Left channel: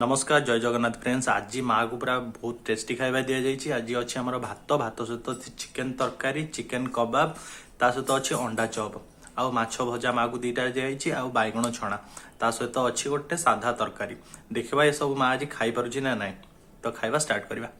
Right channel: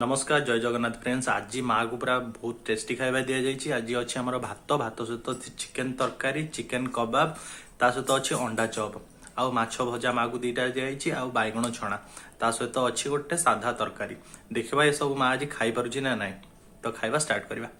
नमस्कार जय जगन्नाथ फ्रेंड्स। आज माँ को पूरा बहुत टेस्टी खाଇବା दिया आज अच्छे आम भात भात सहित चिकेन तरकारी चिकेन कबाब ता सहित अच्छे अंडा चप आउ माछ भजा माँ को दीटा दिखाई आउ बैगण छणा ता सहित अच्छी गोटे साधा तरकारी। देखा ये सब माँ आज खाई पारुची ना नाଇଁ तो खाଇବା स्टार्ट करवा।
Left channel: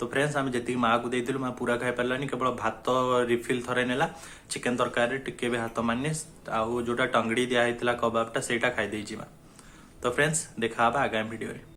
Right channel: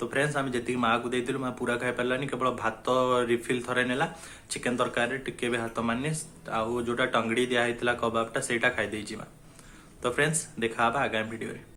तो फ्रेंड्स आम जी माँ को देती माँ पूरा खाई पारानी केवल भात रिफिल थरे नेला चिकेन तरकारी टिके भी हाथ मारनी आउ जोटा टंगड़ी दिया कबाबटा से खाई माँ। तो फ्रेंड्स देखा आगामी वीडियो रे।